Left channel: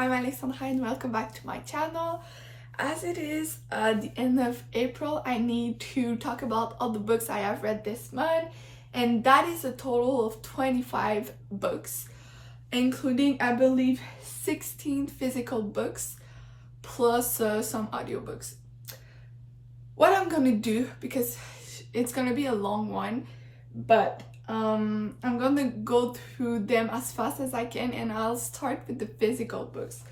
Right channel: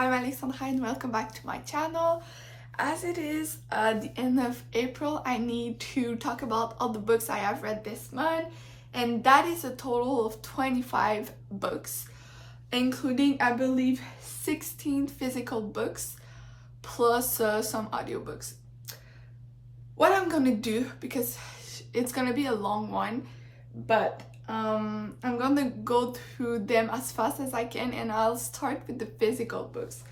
I'm Alexandra and welcome back to my channel. As it is the end of April, I need to talk about all the books I have read this month, and that is a total of 25 books, including I believe 16 physical books plus some audiobooks. What I'm gonna do, because it's gonna be a long one, but I'm gonna go through them as fast as I can, and I'll start with the physical books.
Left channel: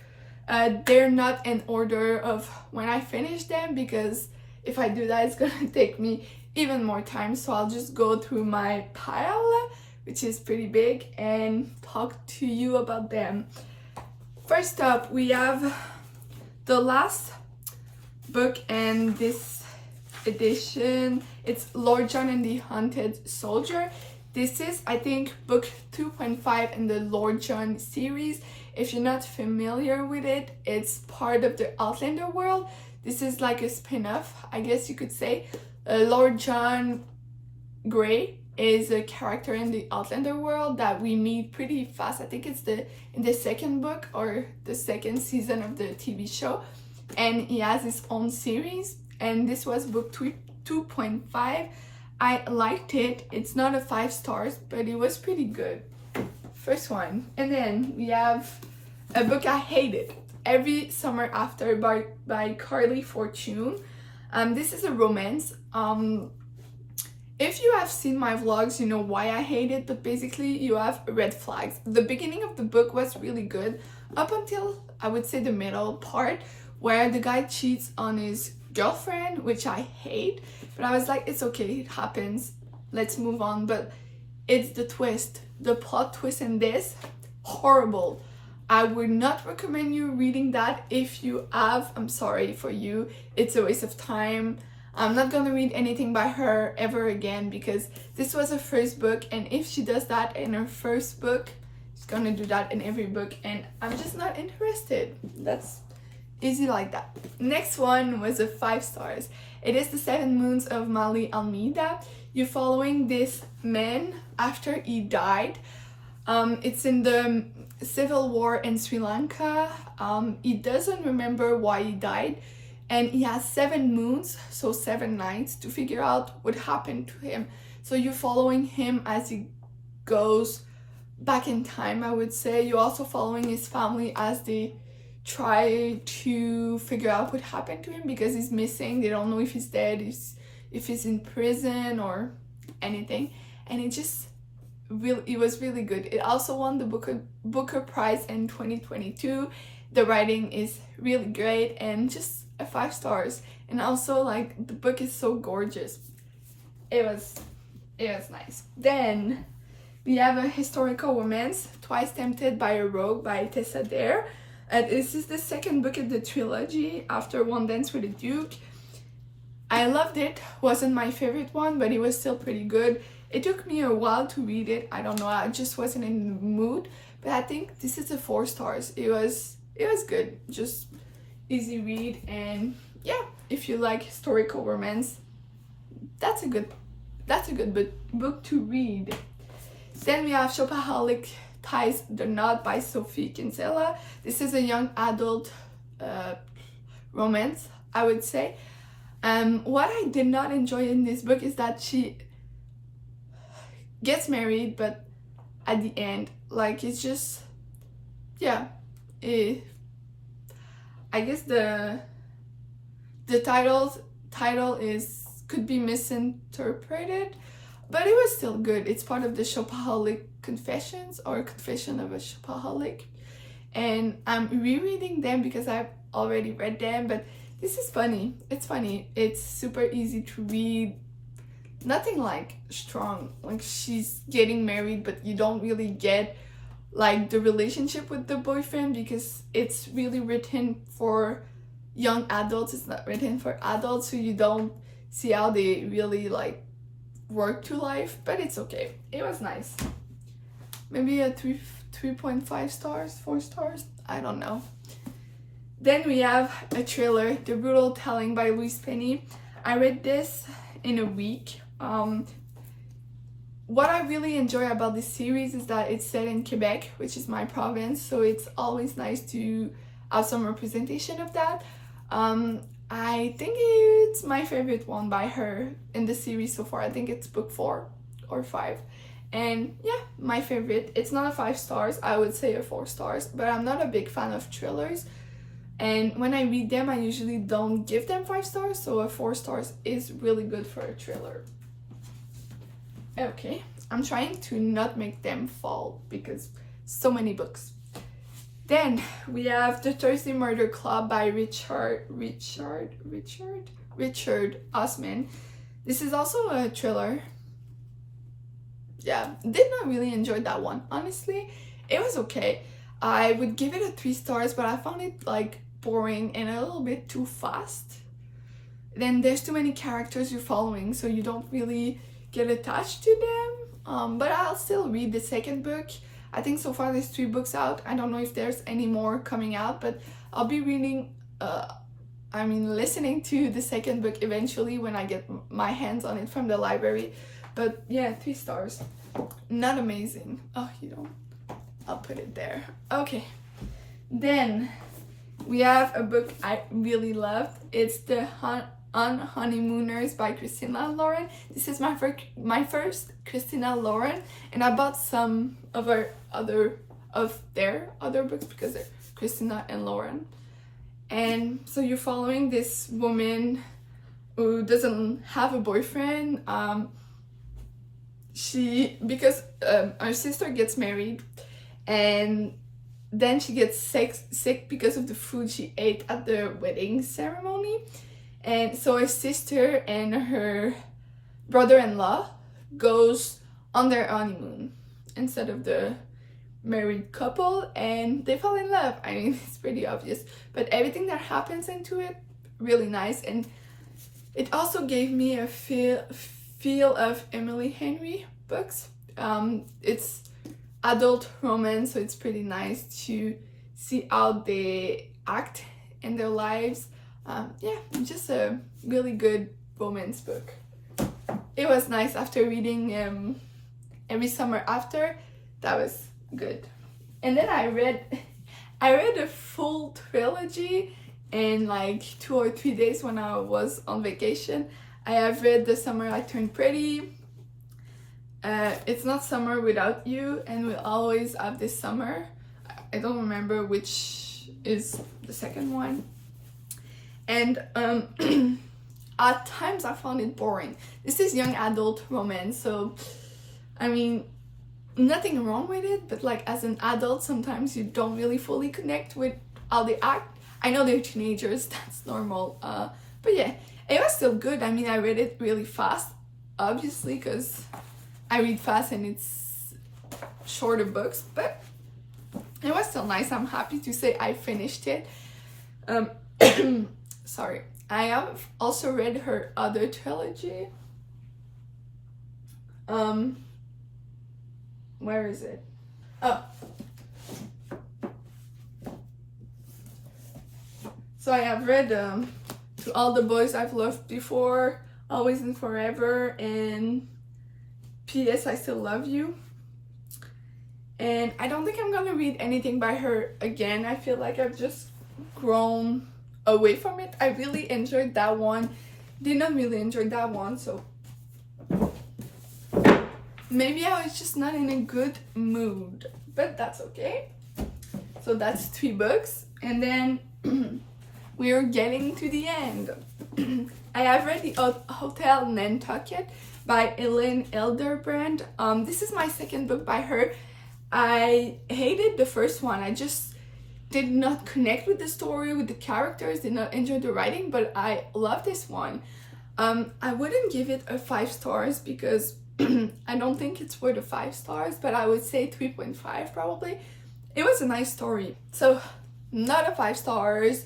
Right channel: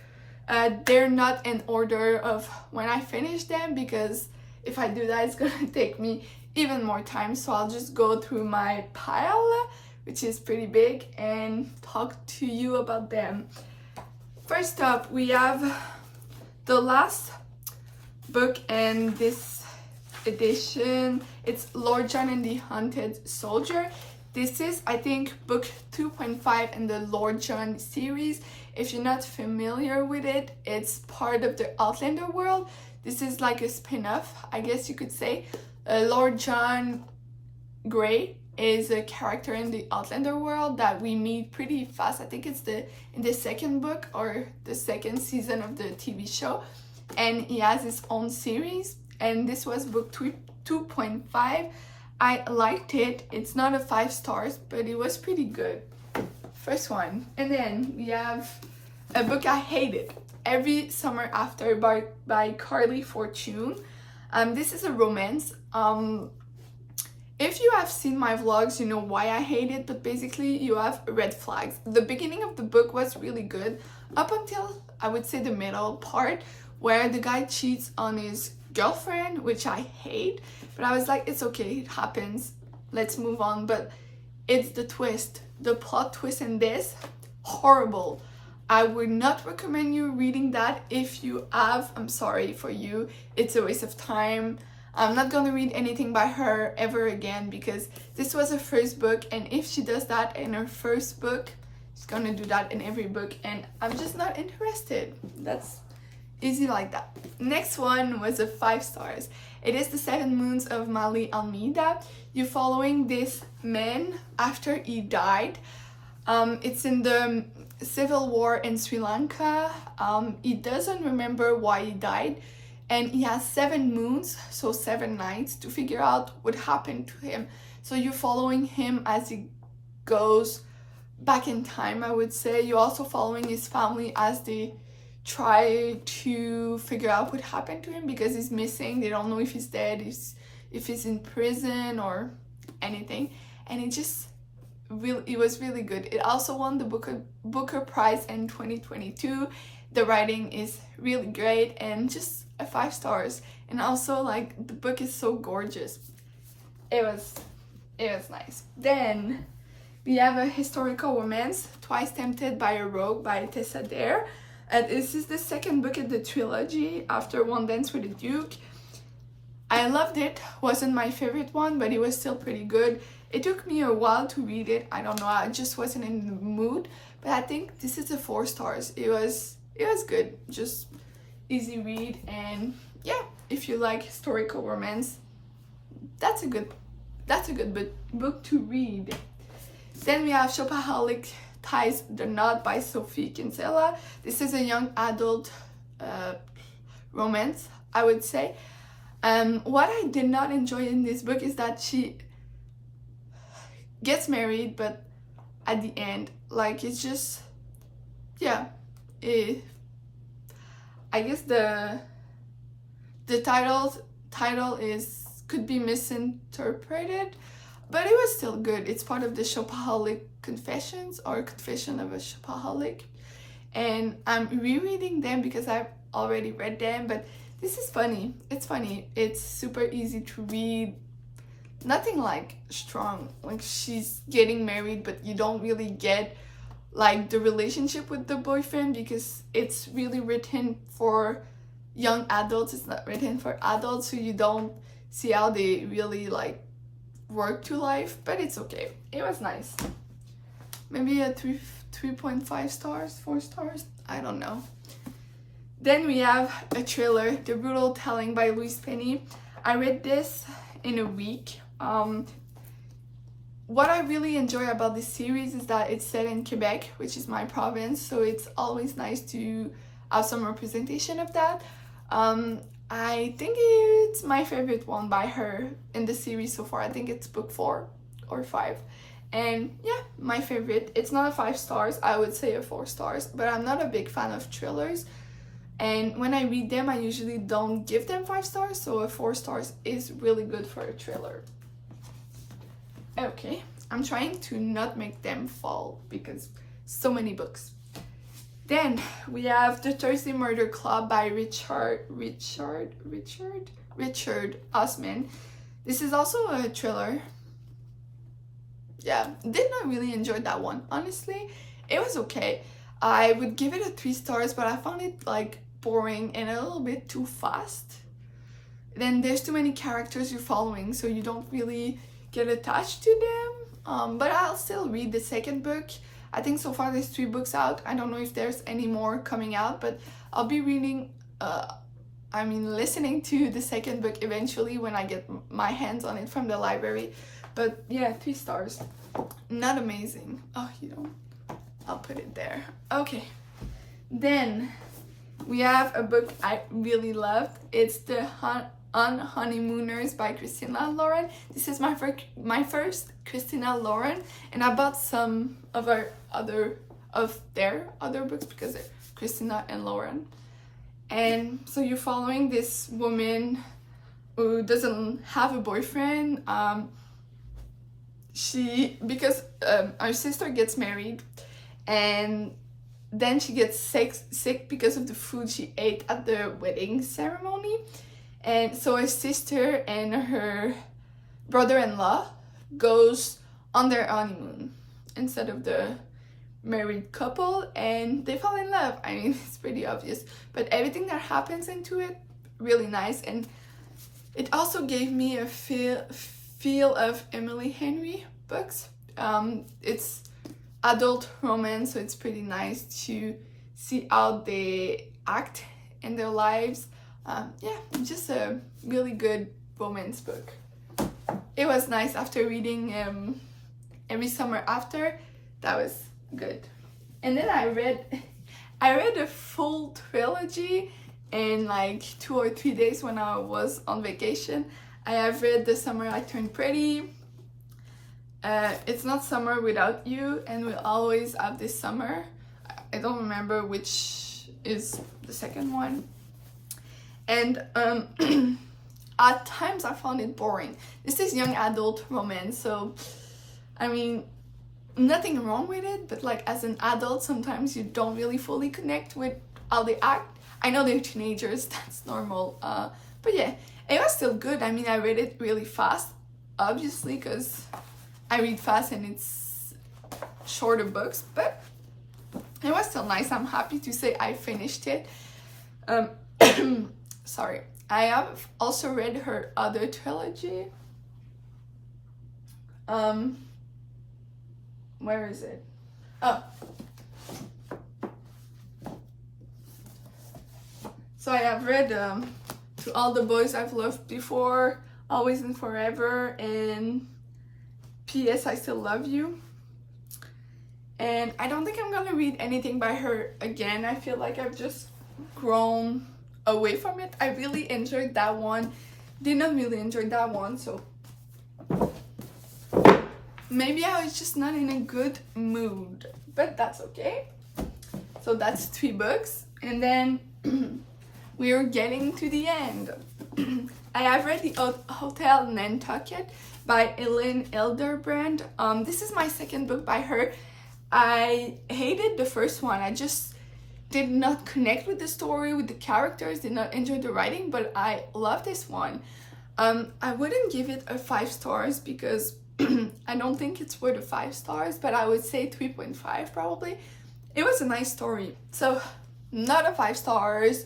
They're not in order of when I finish them, because if I do that it's gonna take me even more time, so I'll just go through my pile, which is pretty big, and talk to you about them. First up, we have the last book in this edition. It's Lord John and the Haunted Soldier. This is, I think, book 2.5 in the Lord John series. If you're not familiar with it, it's part of the Outlander world. This is like a spin-off, I guess you could say. Lord John Grey is a character in the Outlander world that we meet pretty fast. I think it's in the second book or the second season of the TV show. And he has his own series. And this was book 2.5. I liked it. It's not a 5 stars, but it was pretty good. First one. And then we have a book I hated, Every Summer After by Carly Fortune. This is a romance. If you have seen my vlogs, you know why I hate it, but basically you have red flags. The beginning of the book was really good up until, I would say, the middle part, where the guy cheats on his girlfriend, which I hate. But I was like, it's okay, it happens, let's move on. But it's the twist, the plot twist in this, horrible. I would not recommend you reading that. If you have, I'm sorry for you, it's a waste of time. I'm not gonna read anything by her ever again, because this was her first book, and if she does that in her first book, she's gonna do that in every book, and I'm just not interested. That's easy like that. Next one was a 5 stars. It is The 7 Moons of Mali Almeida. You're following this man after he died. It's in the civil war in Sri Lanka. He doesn't remember why he died, and he has 7 moons, so 7 nights, to figure out what happened to him. So you're following him as he goes back in time, I would say. You're also following his family as they try to figure out what happened to him, because he's missing. They don't know if he's dead, if he's in prison or anything. And it was really good. It also won the Booker Prize in 2022. The writing is really great, and just a 5 stars. And also, like, the book is so gorgeous. It was nice. Then we have a historical romance, Twice Tempted by a Rogue by Tessa Dare. This is the second book in the trilogy after One Dance with the Duke. I loved it. Wasn't my favorite one, but it was still pretty good. It took me a while to read it. I don't know, I just wasn't in the mood. But I think this is a 4 stars. It was good. Just easy read, and yeah, if you like historical romance, that's a good book to read. Then we have Shopaholic Ties the Knot by Sophie Kinsella. This is a young adult romance, I would say. What I did not enjoy in this book is that she gets married, but at the end, like, it's just, yeah, I guess the title could be misinterpreted, but it was still good. It's part of the Shopaholic Confessions, or Confession of a Shopaholic, and I'm rereading them because I've already read them. But this is funny. It's funny. It's super easy to read. Nothing like strong. Like, she's getting married, but you don't really get like the relationship with the boyfriend, because it's really written for young adults. It's not written for adults, so you don't see how they really like work to life. But it's okay. It was nice. Maybe a 3.5 stars, 4 stars, I don't know. Then we have a thriller, The Brutal Telling by Louise Penny. I read this in a week. what I really enjoy about this series is that it's set in Quebec, which is my province, so it's always nice to have some representation of that. I think it's my favorite one by her in the series so far. I think it's book 4 or 5. And yeah, my favorite. It's not a 5 stars, I would say a 4 stars, but I'm not a big fan of thrillers. And when I read them, I usually don't give them 5 stars, so a 4 stars is really good for a thriller. Okay, I'm trying to not make them fall because so many books. Then we have The Thursday Murder Club by Richard Osman. This is also a thriller. Yeah, did not really enjoy that one. Honestly, it was okay. I would give it a 3 stars, but I found it like boring and a little bit too fast. Then there's too many characters you're following, so you don't really get attached to them. But I'll still read the second book. I think so far there's 3 books out. I don't know if there's any more coming out, but I'll be reading, listening to the second book eventually when I get my hands on it from the library. But yeah, 3 stars. Not amazing. Oh, you don't. I'll put it there. Okay. Then we have a book I really loved. It's The Honeymooners by Christina Lauren. This is my first Christina Lauren, and I bought some of their other books because they're Christina and Lauren. And so you're following this woman who doesn't have a boyfriend. Because our sister gets married, and then she gets sick because of the food she ate at the wedding ceremony. And so her sister and her brother-in-law goes on their honeymoon instead of the married couple, and they fall in love. I mean, it's pretty obvious, but everything that happens into it, really nice. And it also gave me a feel of Emily Henry books. It's adult romance, so it's pretty nice to see how they act in their lives. Yeah, just a really good romance book. It was nice after reading Every Summer After. That was good. And then I read a full trilogy in like 2 or 3 days when I was on vacation. I have read The Summer I Turned Pretty, It's Not Summer Without You, and We'll Always Have This Summer. I don't remember which is the second one. And at times I found it boring. This is young adult romance, so I mean, nothing wrong with it, but like as an adult, sometimes you don't really fully connect with how they act. I know they're teenagers, that's normal, but yeah, it was still good. I mean, I read it really fast, obviously, because I read fast and it's shorter books, but it was still nice. I'm happy to say I finished it. Sorry. I have also read her other trilogy. Where is it? Oh. So I have read To All the Boys I've Loved Before, Always and Forever, and P.S. I Still Love You. And I don't think I'm gonna read anything by her again. I feel like I've just grown away from it. I really enjoyed that one. Did not really enjoy that one, so maybe I was just not in a good mood, but that's okay. So that's 3 books, and then we are getting to the end. I have read The Hotel Nantucket by Elaine Elderbrand. This is my second book by her. I hated the first one. I just did not connect with the story, with the characters, did not enjoy the writing, but I love this one. I wouldn't give it a 5 stars because I don't think it's worth a 5 stars, but I would say 3.5 probably. It was a nice story, so not a 5 stars.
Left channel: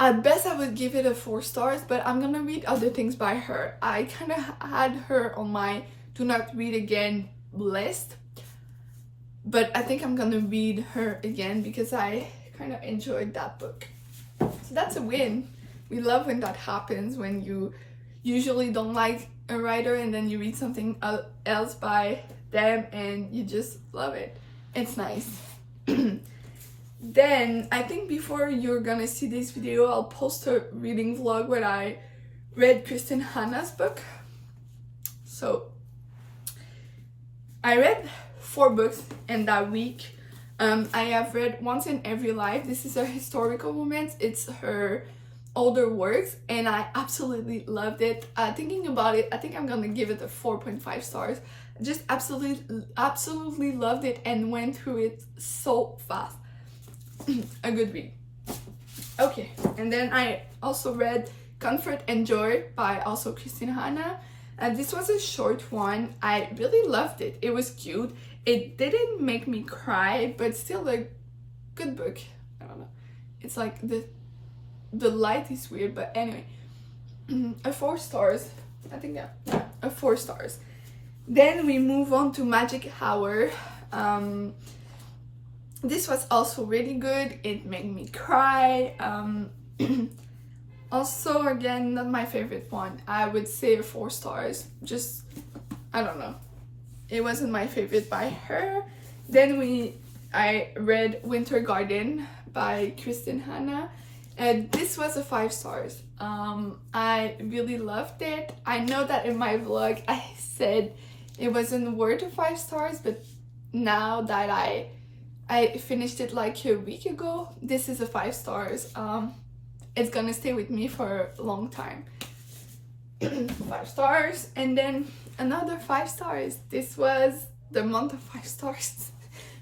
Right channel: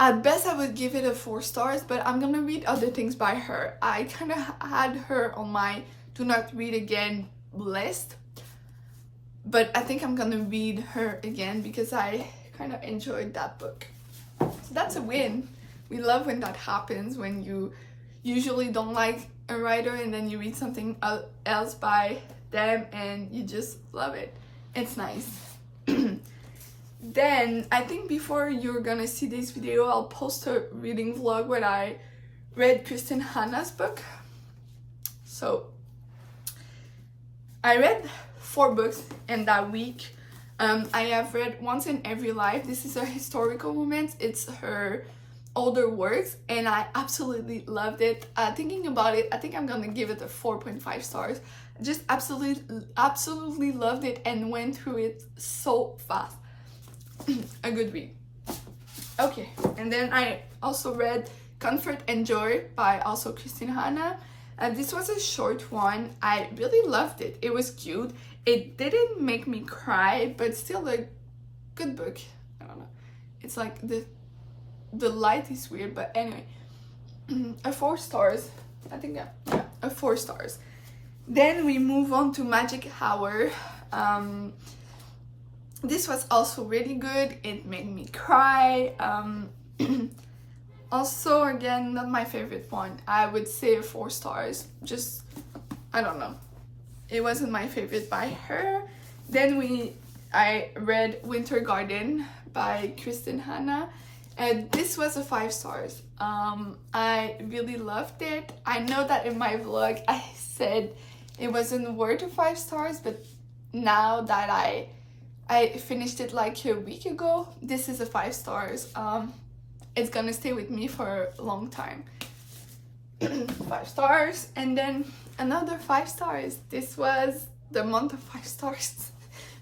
At best I would give it a 4 stars, but I'm gonna read other things by her. I kind of had her on my do not read again list, but I think I'm gonna read her again because I kind of enjoyed that book. So that's a win. We love when that happens, when you usually don't like a writer and then you read something else by them and you just love it. It's nice. Then I think before you're gonna see this video, I'll post a reading vlog where I read Kristen Hanna's book. So I read 4 books in that week. I have read Once in Every Life. This is a historical romance. It's her older works and I absolutely loved it. Thinking about it, I think I'm gonna give it a 4.5 stars. Just absolutely loved it and went through it so fast. A good read. Okay, and then I also read Comfort and Joy by also Kristen Hanna. And this was a short one. I really loved it. It was cute. It didn't make me cry, but still a good book. I don't know. It's like the light is weird, but anyway. A 4 stars. I think yeah, a 4 stars. Then we move on to Magic Hour. This was also really good. It made me cry. Also, again, not my favorite one. I would say a 4 stars. Just, I don't know. It wasn't my favorite by her. Then I read Winter Garden by Kristen Hanna. And this was a 5 stars. I really loved it. I know that in my vlog I said it wasn't worth 5 stars, but now that I finished it like a week ago, this is a 5 stars. It's gonna stay with me for a long time. 5 stars. And then another 5 stars. This was the month of 5 stars.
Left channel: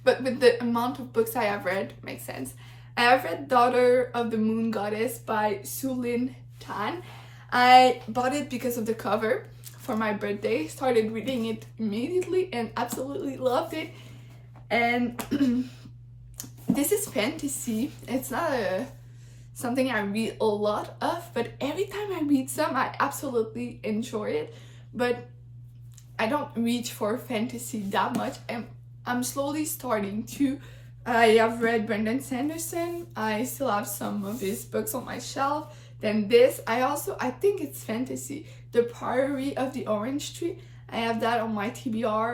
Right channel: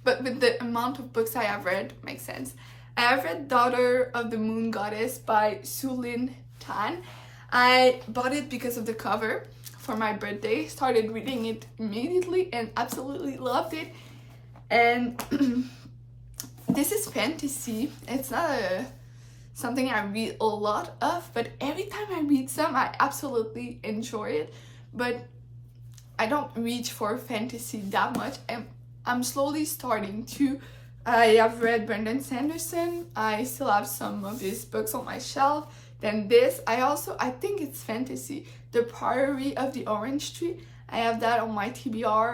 But with the amount of books I have read, makes sense. I have read Daughter of the Moon Goddess by Sulin Tan. I bought it because of the cover for my birthday. Started reading it immediately and absolutely loved it. And this is fantasy. It's not something I read a lot of, but every time I read some, I absolutely enjoy it. But I don't reach for fantasy that much, and I'm slowly starting to. I have read Brandon Sanderson. I still have some of his books on my shelf. Then this, I think it's fantasy. The Priory of the Orange Tree. I have that on my TBR.